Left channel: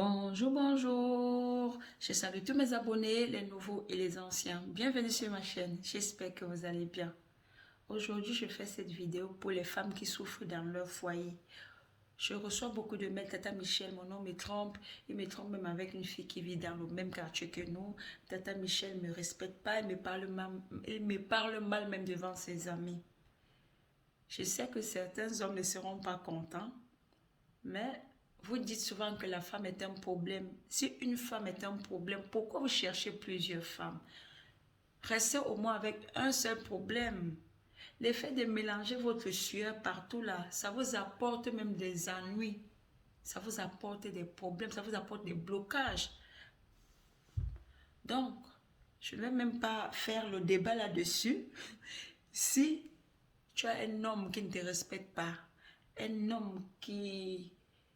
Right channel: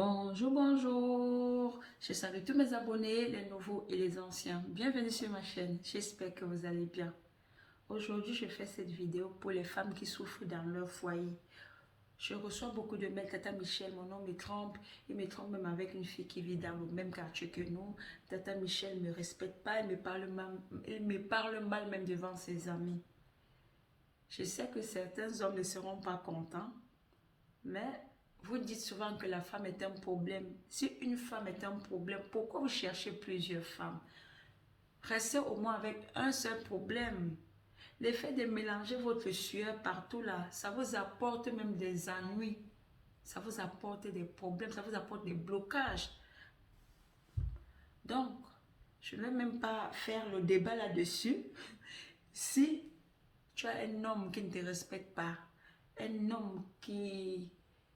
Bonjour, bonjour. Je salue tous mes abonnés, les nouveaux et les anciens. Bienvenue sur ma chaîne. J'espère que vous allez bien. Aujourd'hui, je fais cette vidéo pour les femmes qui souffrent dans leur foyer. Je reçois beaucoup de mails. Tata Michel, mon homme me trompe. Il me trompe même avec une fille qui vit dans le même quartier que nous. Tata Michel ne me respecte pas. Il me parle mal même devant ses amis. Je sais que certains hommes ne seront pas contents, mais vous dites souvent que la femme est un problème. Si une femme est un problème, pourquoi vous cherchez plusieurs femmes? Restez au moins avec un seul problème. Le fait de mélanger votre sueur partout là, ça vous apporte même des ennuis. Ça vous apporte des problèmes, ça vous apporte des blocages. Donc, je ne vais même pas faire le débat là-dessus. Si tu as un homme qui ne te respecte pas, un homme qui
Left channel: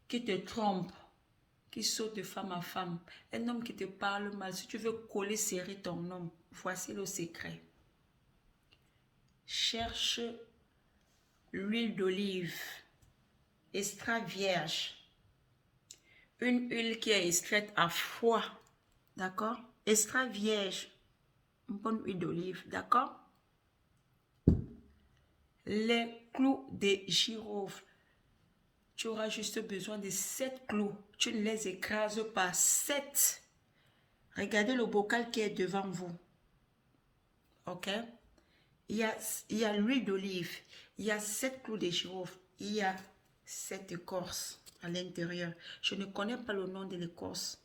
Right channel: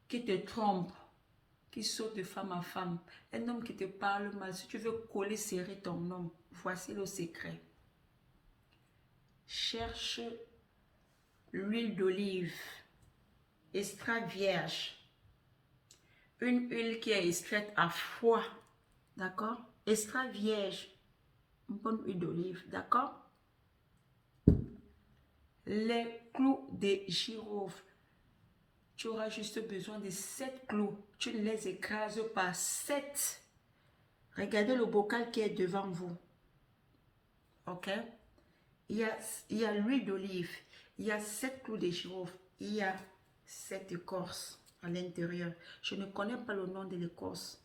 te trompe, qui saute de femme à femme, un homme qui te parle mal, si tu veux coller serrer ton homme, voici le secret. Cherche l'huile d'olive, extra vierge, une huile qui est extraite à froid, d'accord? Extra vierge, une bonne huile d'olive, d'accord? Les clous de girofle. Tu auras juste besoin de 7 clous. Tu ne les écrases pas. 7. Regardez le bocal qui est devant vous. Ok? Il y a l'huile d'olive. Il y a 7 clous de girofle. Il y a 7 écorces à l'intérieur. Je ne connais pas le nom de l'écorce.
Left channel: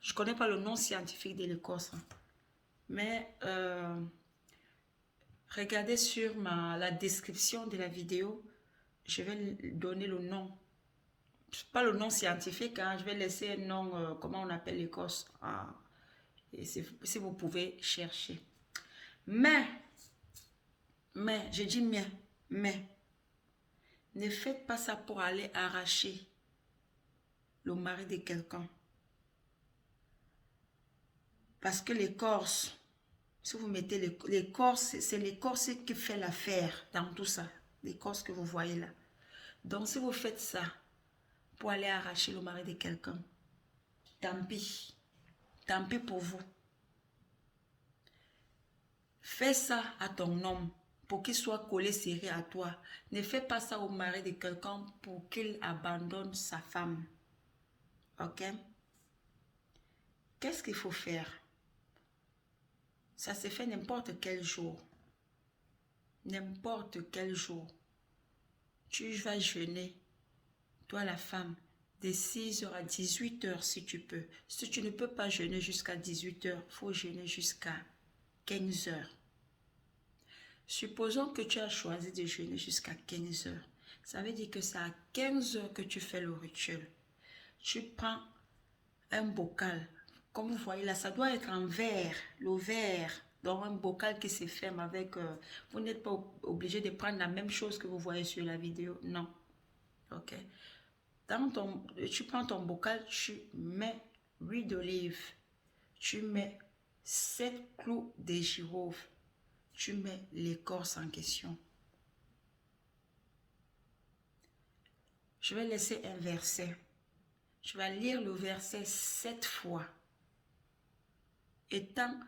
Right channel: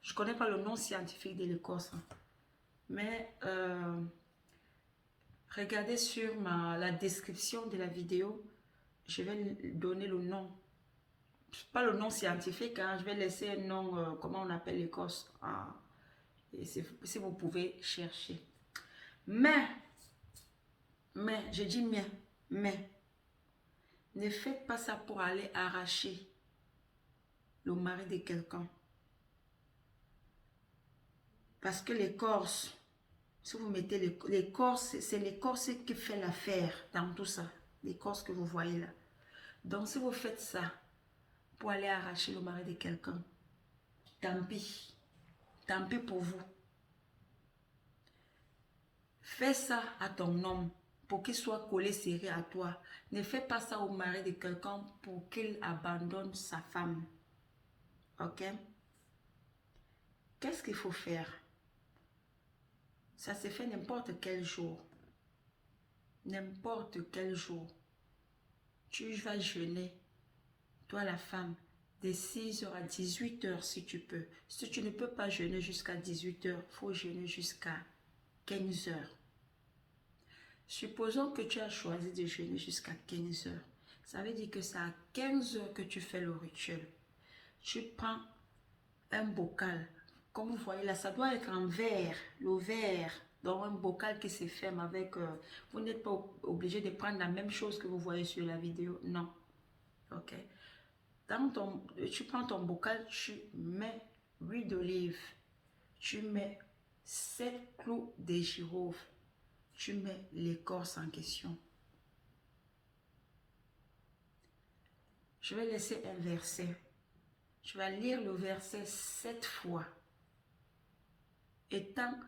Je ne connais pas le nom scientifique de l'écorce. Mais regardez sur la description de la vidéo. Je vais donner le nom. Pas le nom scientifique, hein, je vais laisser un nom, comment on appelle l'écorce. Et si vous pouvez chercher. Mais, je dis mais, ne faites pas ça pour aller arracher le mari de quelqu'un. Parce que l'écorce, si vous mettez l'écorce, c'est l'écorce qui fait l'affaire dans tout ça. L'écorce que vous voyez là. Donc, si vous faites ça pour aller arracher le mari de quelqu'un, tant pis. Tant pis pour vous. Fais ça à ton homme pour qu'il soit collé serré à toi. Ne fais pas ça au mari de quelqu'un pour qu'il abandonne sa femme. Ok? Qu'est-ce qu'il faut faire? Ça se fait n'importe quel jour. N'importe quel jour. Tu vas jeûner, toi la femme, de 6h à 18h si tu peux. Si tu ne peux pas jeûner jusqu'à 18h, il faut jeûner jusqu'à 15h. Supposons que tu as choisi de jeûner jusqu'à 15h. Ça veut dire que c'est à 15h que tu fais le rituel. Tu prends un bocal. Comme vous voyez là, ça doit être en verre. Le verre, dans un bocal qui se ferme avec... vous n'êtes pas obligé de prendre la même chose que vous voyez sur la vidéo. Non. Ok. Tu prends ton bocal, tu mets l'huile d'olive. Tu mets 7 clous de girofle. Tu mets l'écorce en question. Je vais laisser un verset. Je vais lire le verset 7 fois. Et tant,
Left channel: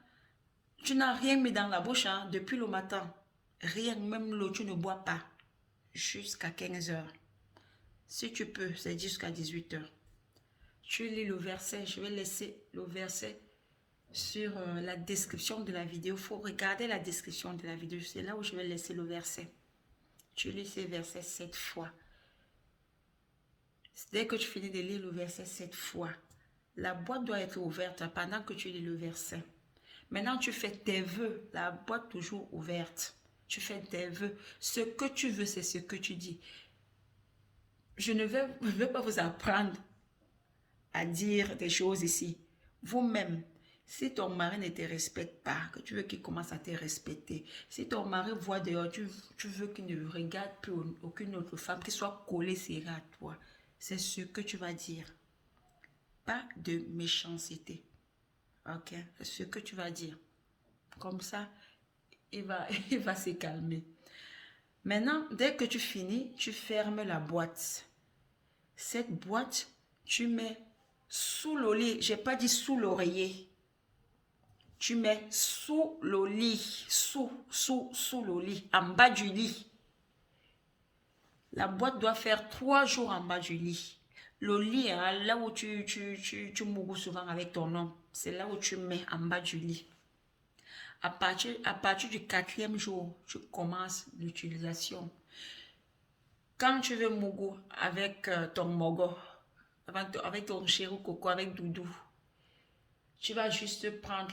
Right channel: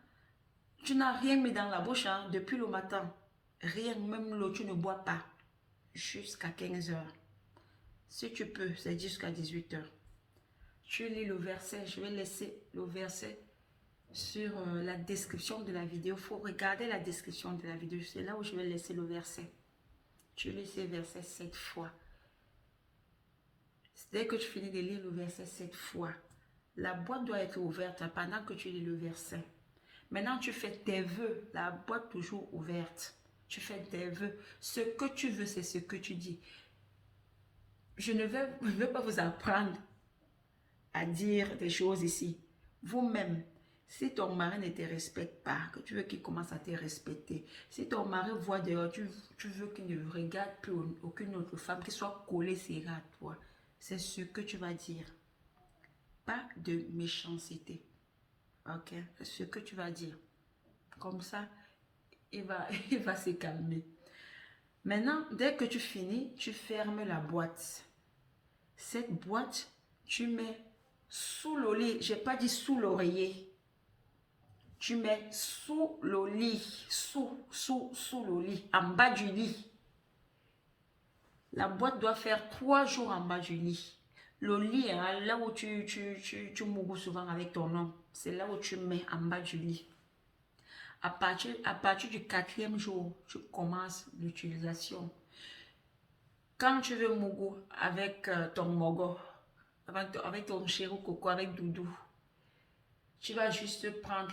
tu n'as rien mis dans la bouche hein, depuis le matin. Rien, même l'eau, tu ne bois pas. Jusqu'à 15h. Si tu peux, c'est jusqu'à 18h. Tu lis le verset. Je vais laisser le verset sur la description de la vidéo. Il faut regarder la description de la vidéo. C'est là où je vais laisser le verset. Tu lis ces versets 7 fois. Dès que tu finis de lire le verset 7 fois, la boîte doit être ouverte pendant que tu lis le verset. Maintenant, tu fais tes vœux, la boîte toujours ouverte. Tu fais tes vœux. Ce que tu veux, c'est ce que tu dis. Je ne veux pas vous apprendre à dire des choses ici. Vous-même, si ton mari ne te respecte pas, que tu veux qu'il commence à te respecter, si ton mari voit dehors, tu veux qu'il ne regarde plus aucune autre femme, qu'il soit collé serré à toi, c'est ce que tu vas dire. Pas de méchanceté. Ok? C'est ce que tu vas dire. Comme ça, il va se calmer. Maintenant, dès que tu finis, tu fermes la boîte. Cette boîte, tu mets Sous le lit, je n'ai pas dit sous l'oreiller. Tu mets sous le lit, sous le lit, en bas du lit. La boîte doit faire 3 jours en bas du lit. Le lit, hein, là où tu mourras souvent avec ton homme, c'est là où tu mets en bas du lit. À partir du 4e jour, tu commences l'utilisation. Quand tu veux mougou avec ton mogo, avec ton chéri coco, avec Doudou, tu vas juste prendre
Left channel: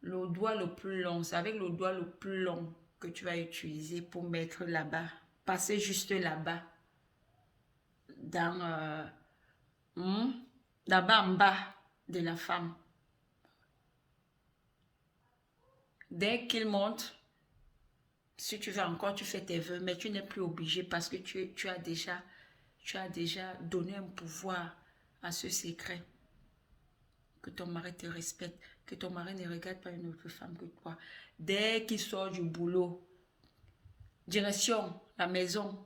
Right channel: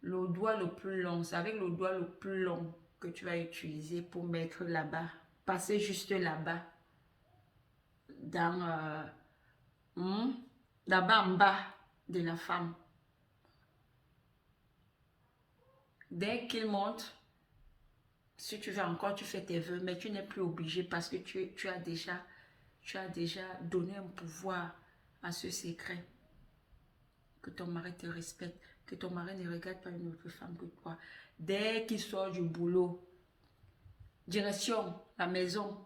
le doigt le plus long. C'est avec le doigt le plus long que tu vas utiliser pour mettre là-bas. Passer juste là-bas. Là-bas en bas de la femme. Dès qu'il monte, si tu veux encore, tu fais tes vœux, mais tu n'es plus obligé parce que tu as déjà donné un pouvoir à ce secret. Que ton mari te respecte, que ton mari ne regarde pas une autre femme que toi. Dès qu'il sort du boulot, direction la maison,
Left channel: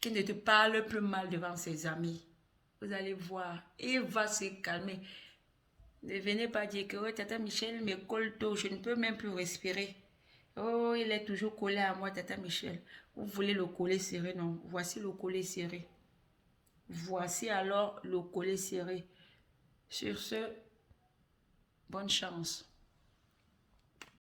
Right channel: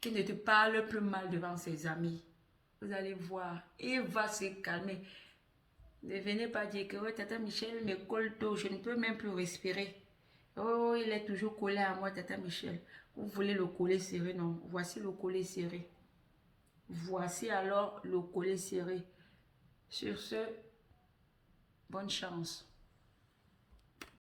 qu'il ne te parle plus mal devant ses amis. Vous allez voir, il va se calmer. Ne venez pas dire que ouais, Tata Michel me colle tôt, je ne peux même plus respirer. Oh, il est toujours collé à moi, Tata Michel. Vous voulez le collet serré, non? Voici le collet serré. Voici alors le collet serré. Sur ce, bonne chance.